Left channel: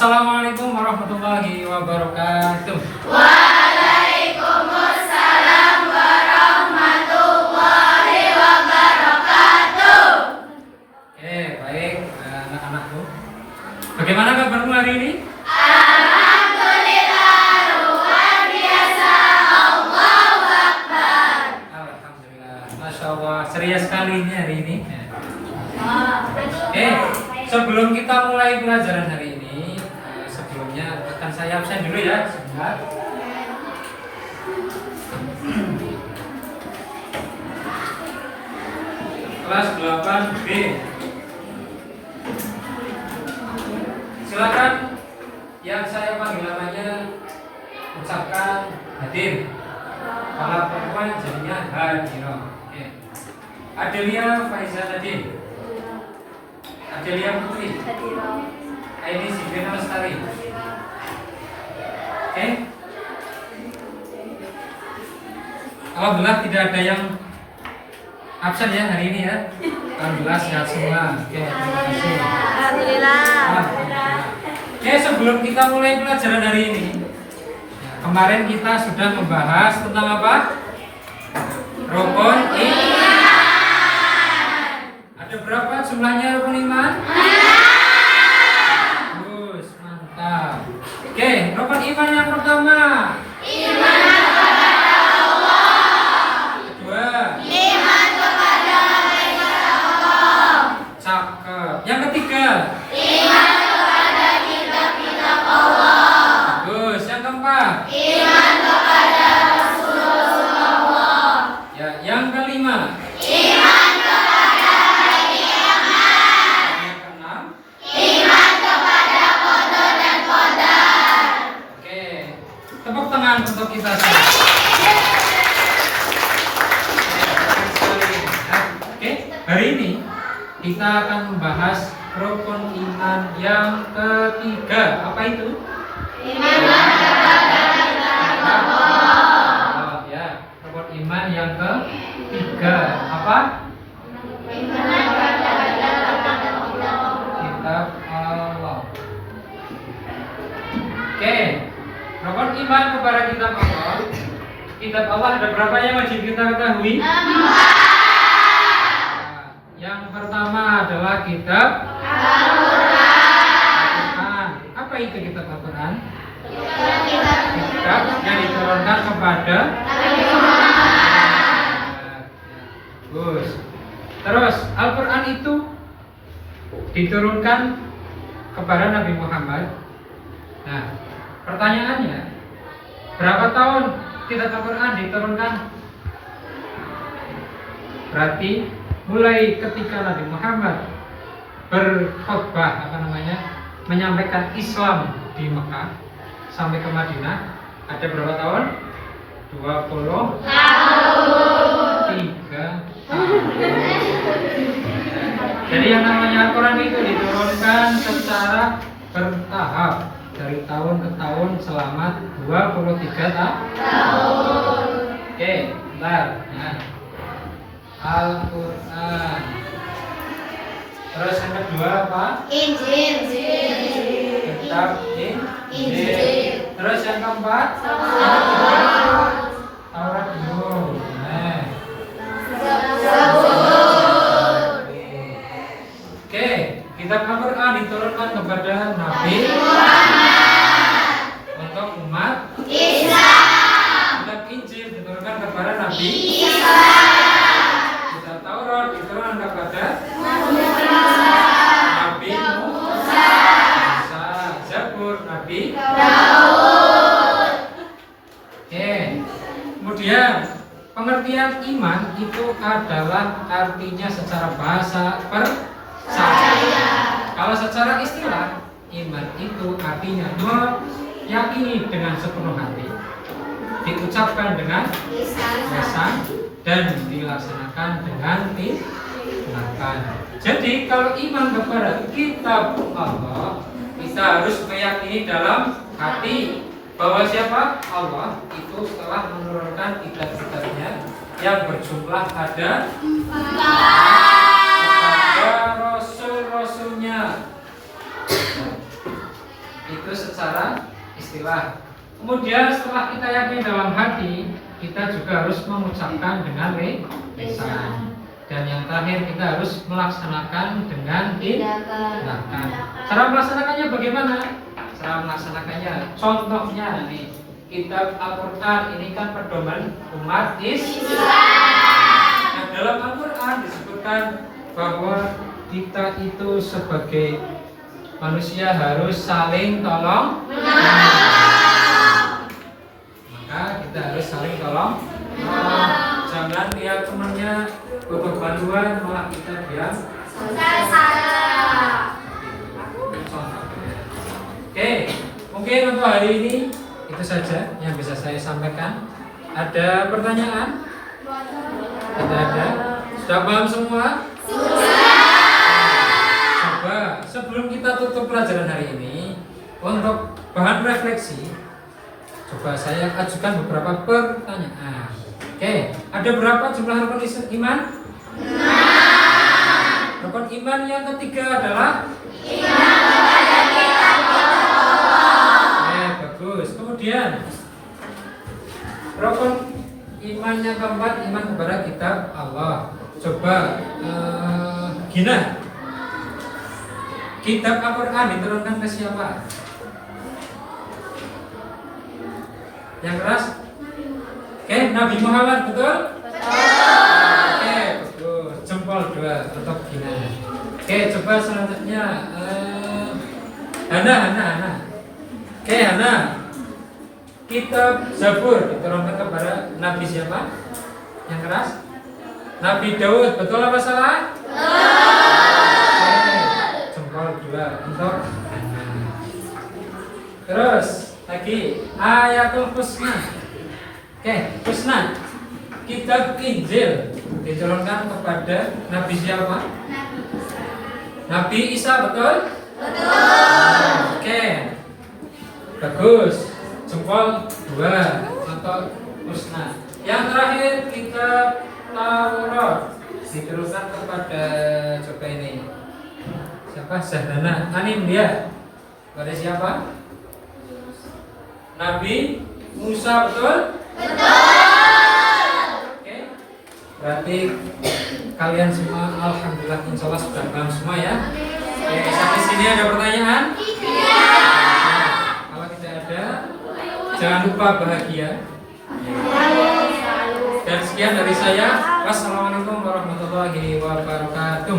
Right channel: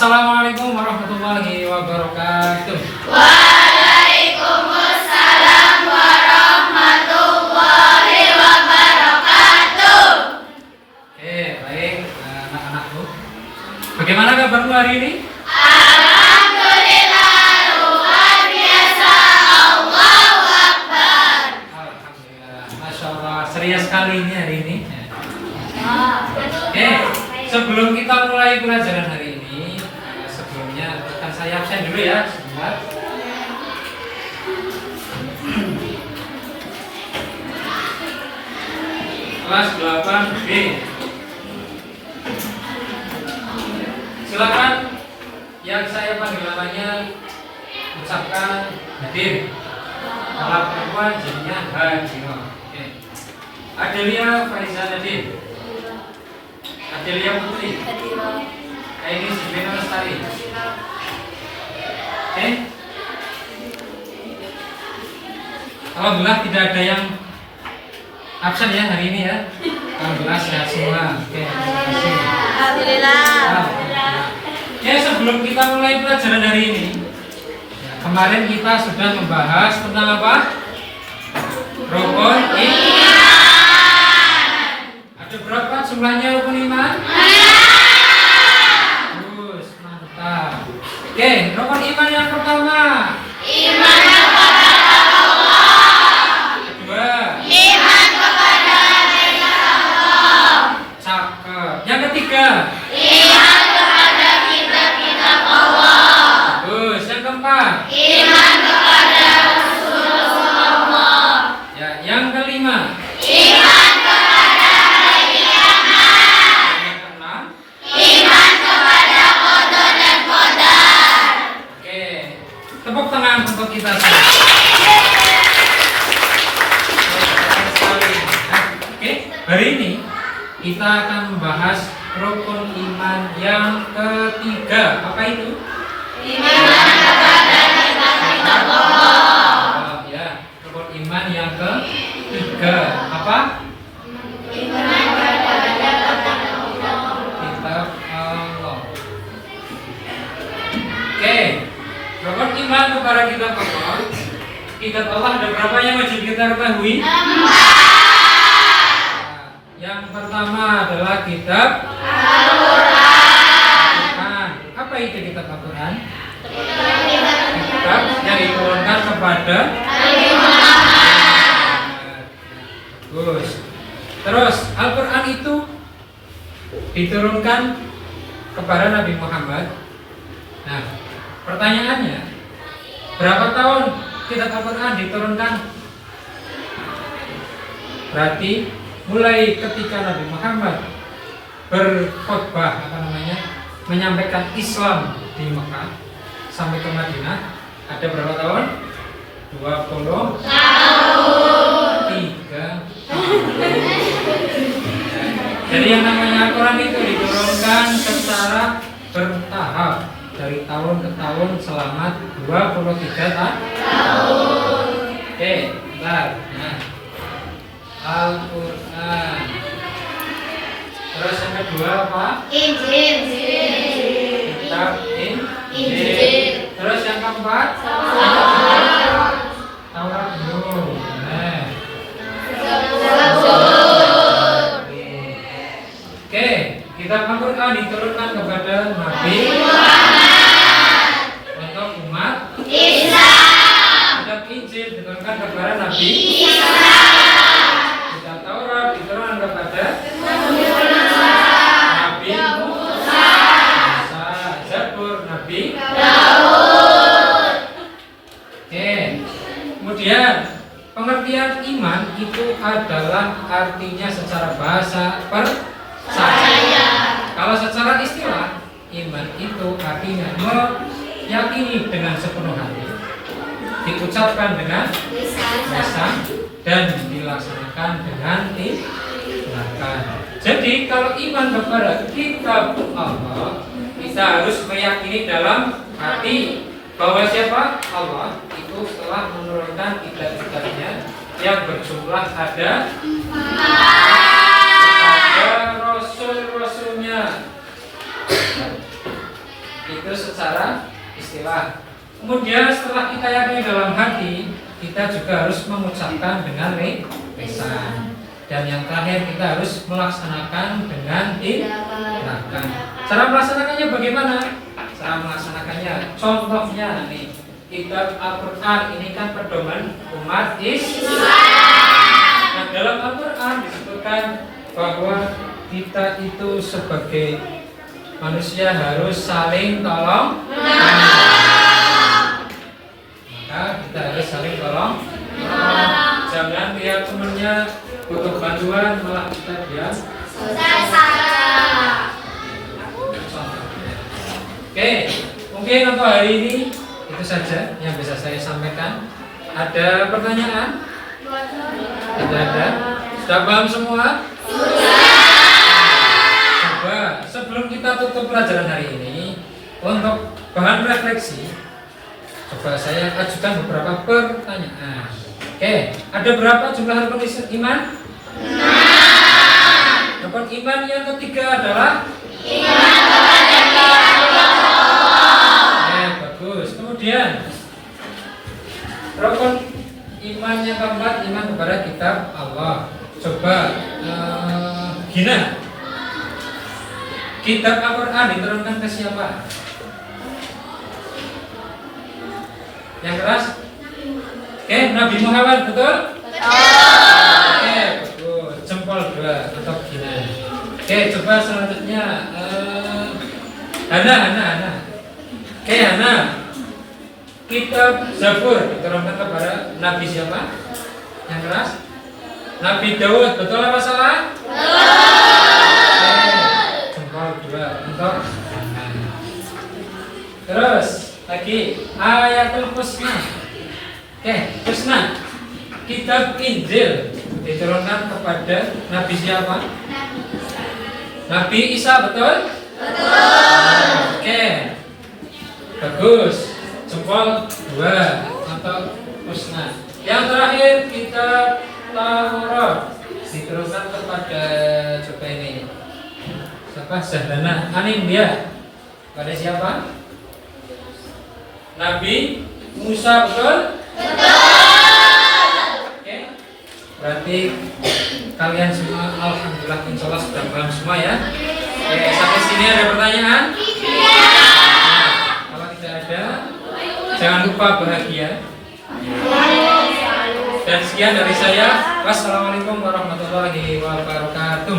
Assalamualaikum warahmatullahi wabarakatuh. Waalaikumsalam warahmatullahi wabarakatuh. Baik anak-anakku. Bagaimana kabarmu hari ini? Alhamdulillah, luar biasa. Allahu Akbar. Alhamdulillah, Masya Allah, ceria sekali ini hari ini. Sebelum kita mulai pelajaran hari ini, sebelumnya akan saya absen dulu ya sebentar. Kelas 8B. Silakan yang saya panggil namanya ucapkan hadir. Kalau perempuan jadinya hadir. Adelia Faiza Nadir, Adelia Putri, Aini Sibena Lestari. Alhamdulillah tidak ada yang absen ya hari ini ya. Alhamdulillah sehat semua. Terima kasih. Alhamdulillah. Sebelum kita mulai pelajaran hari ini, kemarin kita sudah membahas tentang apa? Rukun iman. Ada berapa jumlahnya rukun iman? Bagus, mantap. Rukun iman yang pertama. Iman kepada Allah. Kedua. Iman kepada Allah. Cakep. Yang ketiga. Iman kepada kitab-kitab Allah. Bagus. Yang keempat. Iman kepada Rasulullah. Ya, yang kelima. Iman kepada hari kiamat. Yang keenam. Iman kepada qada dan qadar. Oke. Tepuk tangan untuk kita semua. Oke, hari ini kita akan membahas rukun iman yang ketiga. Apa itu? Iman kepada kitab-kitab Allah. Ya, rukun iman yang ketiga. Apa? Iman kepada kitab-kitab Allah. Kitab Allah. Oke, rukun iman kepada kitab Allah. Kitab Allah ada berapa yang wajib kita ketahui? Yang pertama adalah kitab Al-Quran. Apa itu kitab Al-Quran? Kitab yang diturunkan kepada Nabi Muhammad. Bagus. Terus Al-Quran itu diturunkan kepada Nabi Muhammad. Nah, pertanyaannya, berapa tahun kitab Al-Quran diturunkan? Berarti mulai ketika Nabi Muhammad berkhutbah menyampaikan Islam di Mekah sampai ke Madinah, ada berapa tahun? 23 tahun. Jadi yang namanya Al-Quran itu diturunkan secara bertahap dari tahun ke tahun selama 23 tahun. Bentar. Nah, Al-Quran. Terus yang kedua apa? Injil. Kitab Injil. Terus yang keempat? Taurat dulu. Oke, kitab Al-Quran diturunkan kepada Nabi untuk umat Islam. Kitab Injil diturunkan kepada Nabi Kitab Taurat diturunkan kepada Nabi Musa. Zabur Nabi Daud. Kemudian pengertian iman itu adalah artinya secara bahasa percaya. Kalau secara istilah, iman itu artinya meyakini dengan sepenuh hati, diucapkan dengan lisan, dan dilaksanakan dengan tindakan. Jadi kalau iman kepada kitab Allah, kita harus meyakini dalam hati bahwa siapa? Allah itu telah menurunkan kitab-kitabnya yang berjumlah ada kepada rasul-rasulnya. itu secara istilah. Kemudian setelah kita yakini dalam hati, kita juga harus mengucapkan dengan lisan. Dan yang terakhir kita harus melaksanakan dengan tindakan. Cara melaksanakannya bagaimana? Cara melaksanakannya, contohnya nih, kitab Al-Quran ini kan pedoman umat Islam. Nah, dalam Al-Quran disebutkan bahwa kita itu sebagai manusia harus saling tolong. Maka kita harus saling tolong. Jangan lihat temannya butuh bantuan malah kita diam. Oke, mungkin untuk hari ini itu saja yang bisa saya sampaikan. Ada pertanyaan? Tidak ada. Sudah paham semua? Coba sebelum kita tutup pelajaran hari ini, untuk bahan refleksi, coba saya ajukan beberapa pertanyaan. Oke, ada berapa jumlah rukun iman? 6. Rukun iman yang ketiga adalah iman kepada kitab Allah. Bagus. Kemudian rukun iman yang keempat, iman kepada kitab Allah. Coba Gina, kitab Al-Quran diturunkan ke siapa? Yang keras? Oke, Nabi Muhammad, betul? Oke, bagus. Jempol 2 untuk Gina. Oke, coba selanjutnya Hana. Oke, Hana. Kitab Zabur diturunkan kepada Nabi siapa? Yang keras? Nabi Daud, betul apa salah? Betul. Jempol 2 untuk Hana. Terus lagi Ayatul Husna. Oke, Husna. Kitab Injil diturunkan kepada Nabi siapa? Nabi Isa, betul? Betul. Oke. Bagus. Jempol 2 untuk Husna. Yang terakhir kitab Taurat diturunkan kepada coba ini. Siapa? Zahdana Anindya. Pada siapa? Nabi Musa, betul? Oke. Berarti kalian semua alhamdulillah insyaallah sudah paham semua ya. Oke, sampai sini ada pertanyaan? Nah, kalau tidak ada, jangan lupa bahagia. Dan sekian dari saya. Wassalamualaikum warahmatullahi wabarakatuh.